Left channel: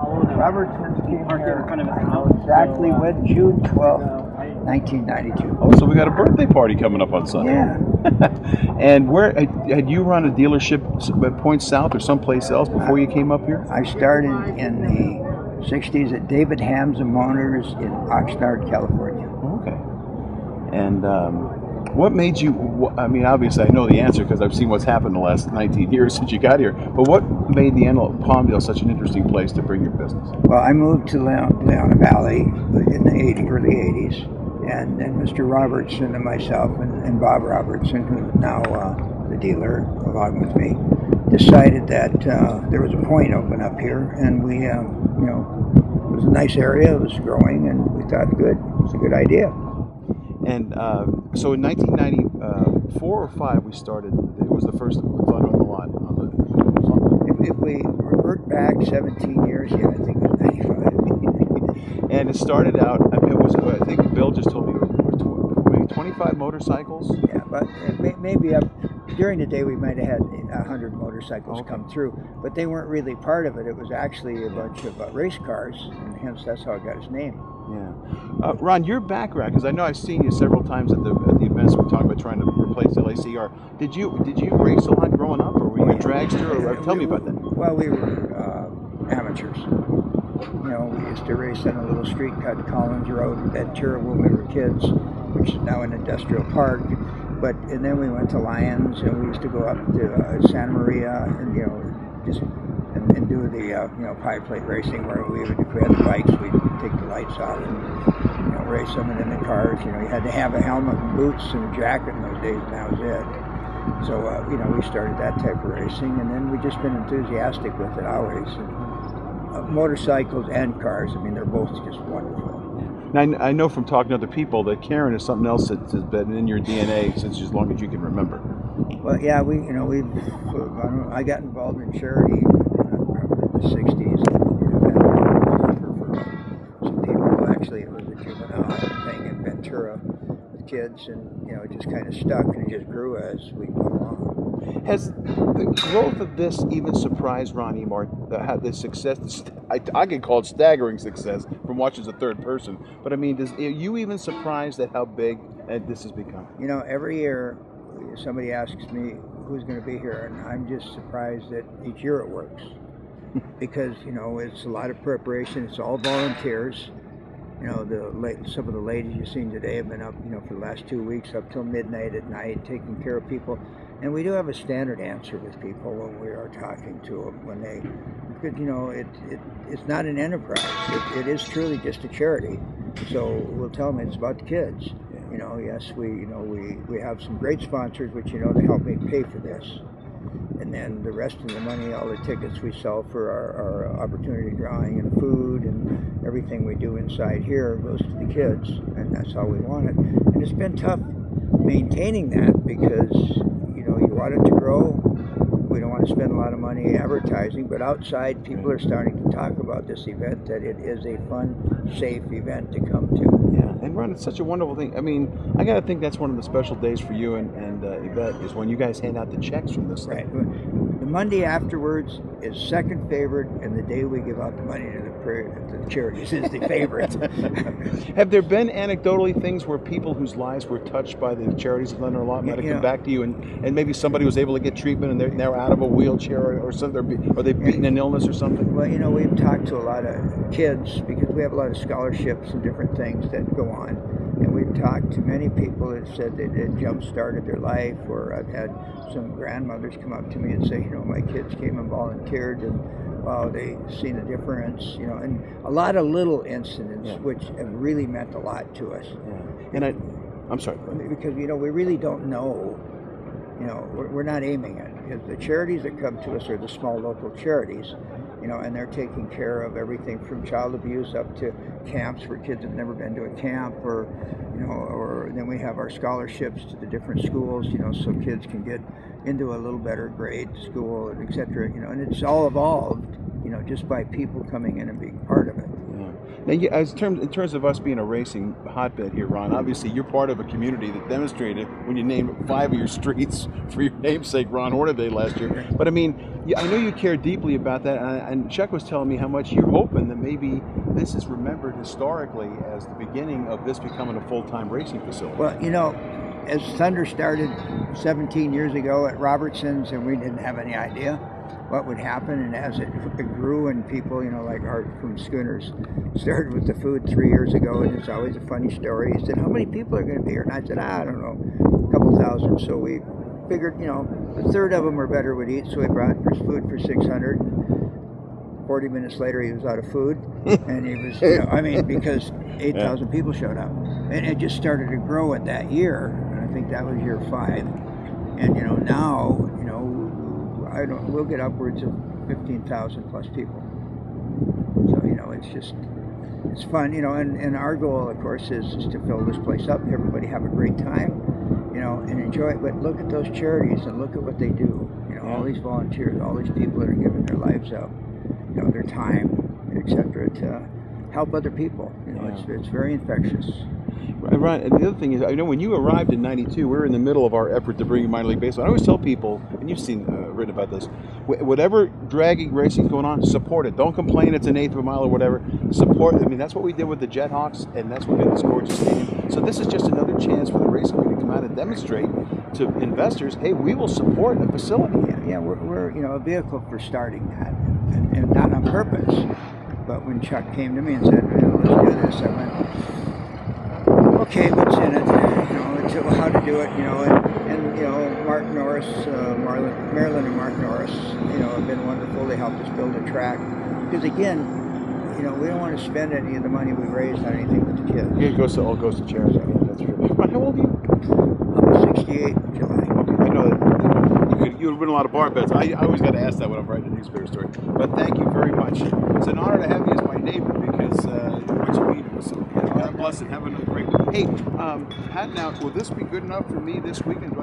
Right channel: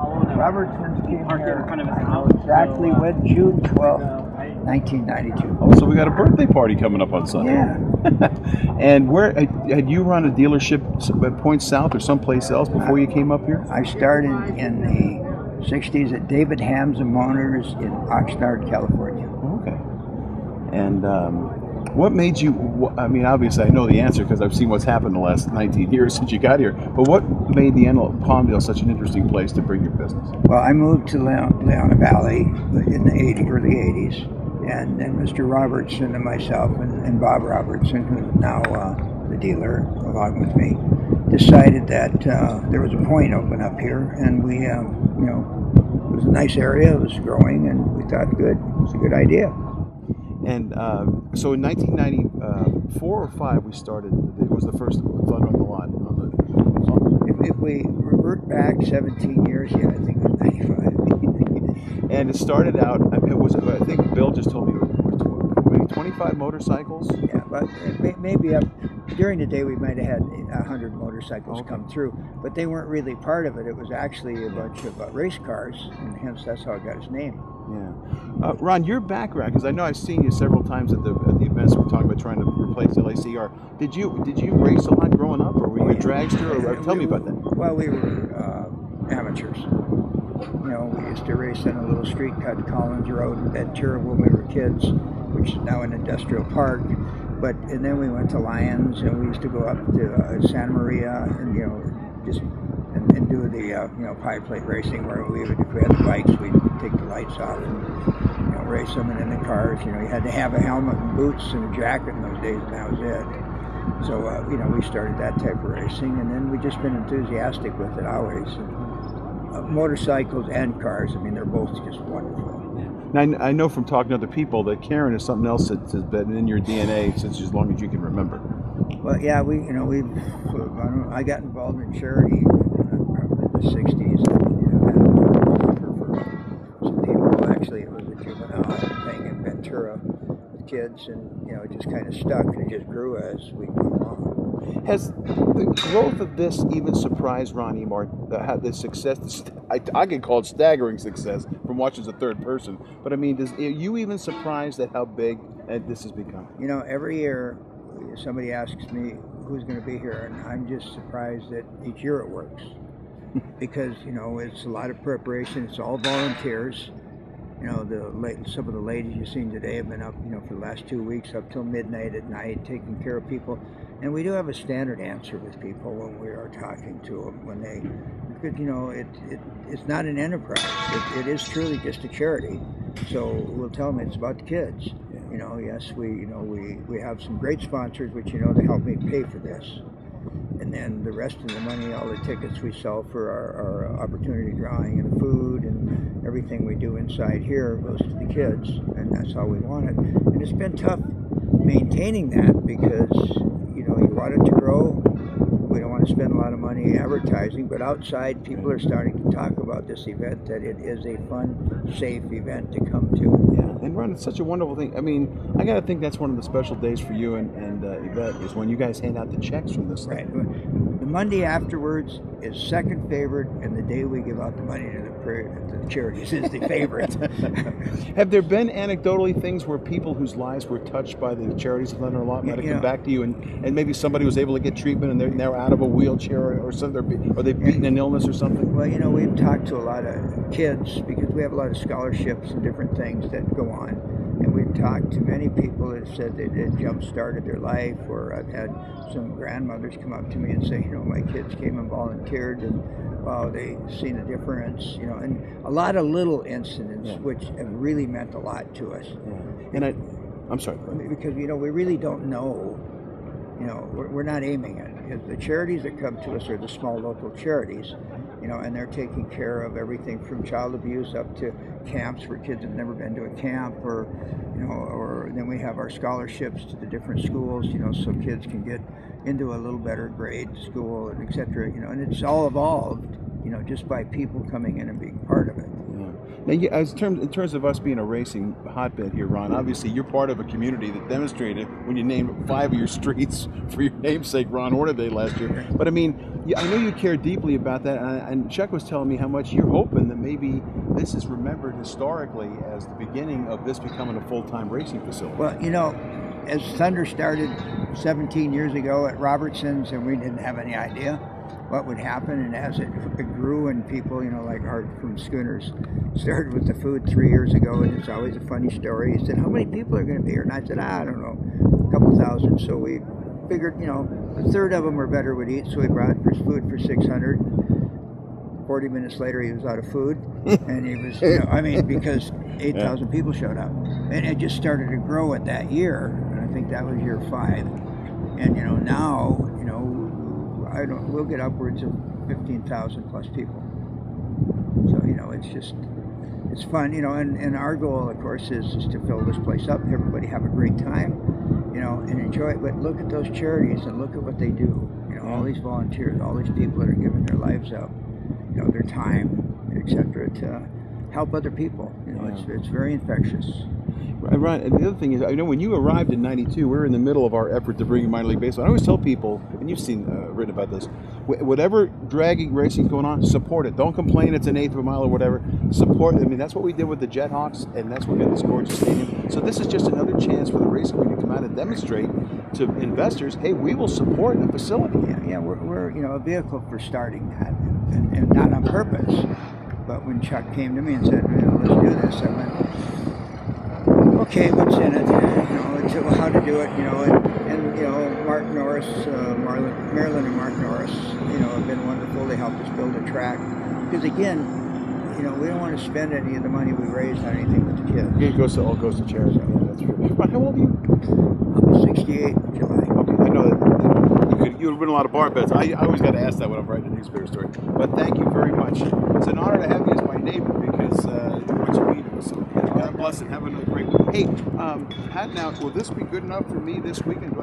Robertson's came here, I know exactly when, June 12th, 1992. Oh, so we got a birthday party coming up on Sunday. Yeah. And where had you run a dealership at Point South or someplace else before you came up here? I started in the 60s at David Hamza Motors in Oxnard, California. Okay. And what made you, I mean, obviously I know the answer because I've seen what's happened the last 19 years since you got here, but what made the Palmdale such an interesting place to bring your business? Well, I moved to Leona Valley in the early 80s, and then Mr. Robertson and myself and Bob Robertson, who's now the dealer along with me, decided that there was a point open up here, and we, it was a nice area, it was growing, and we thought, good, it's a good idea. And so in 1994 or 5, we started. It was the first flood on the lot. If we revert back 17 years, yeah, I think it was 95. And it started out. I mean, I think Bill just told me it was maybe 25 motorcycles. Yeah, but maybe up during the day we might have had 100 motorcycles come through, but they weren't really part of it. It was actually a bunch of race cars, and hence that's how it got its name. Yeah, Ron, your background, because I know I've seen you several times at the events we're talking about trying to replace LACR. Did you race a lot growing up, or were you a dragster? Or tell me about that. Well, we were amateurs. We used to race on a little street called Collins Road in Ventura when we were kids, which is now an industrial park. And then we went to Lyons, and we used to go up to Santa Maria, and and do the pie plate racing, where if we had the bikes, we'd take the lights off and race them, and then the cars, you had to have a helmet and boots and a jacket in those days, and that was it. So we started that type of racing, and then we've just been enthusiastic with it always. And, motorcycles and cars, I mean, they're both just wonderful. Now, I know from talking to other people that Karen is something else that has been in your DNA since as long as you can remember. Well, yeah, I got involved in charity probably in the 60s. For some people, actually, it was a juvenile thing in Ventura with kids, and it just kind of stuck, and it just grew as we went along. Has the growth of this even surprised Ron Emard? Had this success? I can call it staggering success from watching as a third person. But I mean, are you even surprised at how big this has become? Every year somebody asks me who's going to be here, and I'm just surprised that each year it works. Because it's a lot of preparation. It's all volunteers. Some of the ladies you've seen today have been up, for the last 2 weeks, up till midnight at night, taking care of people. And we do have a standard answer with people when we are talking to them, because it's not an enterprise. It is truly just a charity. So we'll tell them it's about the kids. Yes, we have some great sponsors, which to help me pay for this. And then the rest of the money, all the tickets we sell for our opportunity drawing and the food and everything we do inside here goes to the kids, and that's how we want it. And it's been tough maintaining that because, you want it to grow. We don't want to spend a lot of money advertising, but outside people are starting to talk about this event, that it is a fun, safe event to come to. Yeah, and Ron, it's such a wonderful thing. I mean, I got to think that's one of the special days for you and Yvette is when you guys hand out the checks from this thing. Right. The Monday afterwards is second favorite, and the day we give out the money to the charities is the favorite. Have there been anecdotally things where people whose lives were touched by the charities of London might have come back to you, and maybe somebody was able to get treatment and they're out of a wheelchair or something, or they've beaten an illness or something? Well, we've talked to a lot of kids because we have a lot of scholarships and different things that go on. And we've talked to many people that said that it jump-started their life, or I've had some grandmothers come up to me and say, my kids came and volunteered, and wow, they seen a difference, and a lot of little incidents which have really meant a lot to us. Yeah. And I'm sorry. Because, we really don't know, we're not aiming it, because the charities that come to us are the small local charities, and they're taking care of everything from child abuse up to camps where kids have never been to a camp, or then we have our scholarships to the different schools, so kids can get into a little better grade school, and et cetera, and it's all evolved you know, just by people coming in and being part of it. Yeah. Now, in terms of us being a racing hotbed here, Ron, obviously you're part of a community that demonstrated when you named 5 of your streets for your namesake, Ron Hornaday, last year. But I mean, I know you care deeply about that, and Chuck was telling me how much you're hoping that maybe this is remembered historically as the beginning of this becoming a full-time racing facility. Well, you know, as Thunder started 17 years ago at Robertson's, and we didn't have any idea what would happen, and as it grew, and people, you know, like Art from Schooners started with the food 3 years ago, and it's always a funny story. He said, how many people are going to be here? And I said, I don't know, a couple thousand. So we figured, you know, a third of them or better would eat, so we brought food for 600. 40 minutes later, he was out of food, and he was, you know, I mean, because 8,000 people showed up, and it just started to grow at that year, and I think that was year 5, and you know, now, you know, we'll get upwards of 15,000 plus people. So you know, it's fun, you know, and our goal, of course, is to fill this place up, everybody have a great time, you know, and enjoy it. But look at those charities and look at what they do. You know, all these volunteers, all these people that are giving their lives up, you know, their time, etc., to help other people. You know, it's very infectious. Ron, and the other thing is, I know when you arrived in '92, we were in the middle of our effort to bring in minor league baseball. I always tell people, and you've seen written about this, whatever dragging racing is going on, support it. Don't complain it's an eighth of a mile or whatever. Support. I mean, that's what we did with the Jethawks, and that's what got this gorgeous stadium. So this is just another chance for the racing community to come out and demonstrate to investors, hey, we will support a facility. Yeah, we're you know, a vehicle for starting that, and not on purpose. But when Chuck came to me and said, you know, let's do this, I went, okay, what's in it? You know, how to do it, you know, and you know, Mark Norris, Marilyn and Mark Norris, you know, have been wonderful. They helped us build a track. Because again, you know, we don't want to spend any of the money we raised on anything but the kids. Yeah, it all goes to charity. Yeah, that's true. Ron, how old are you? I'm 68 in July. Okay, I know that you would win a lot of bar bets. I always got to ask that when I'm writing a newspaper story. But thank you very much. It's an honor to have you as my neighbor because what you mean to us. So God bless and have a great week. Hey, Pat, now, will this be good enough for me this weekend?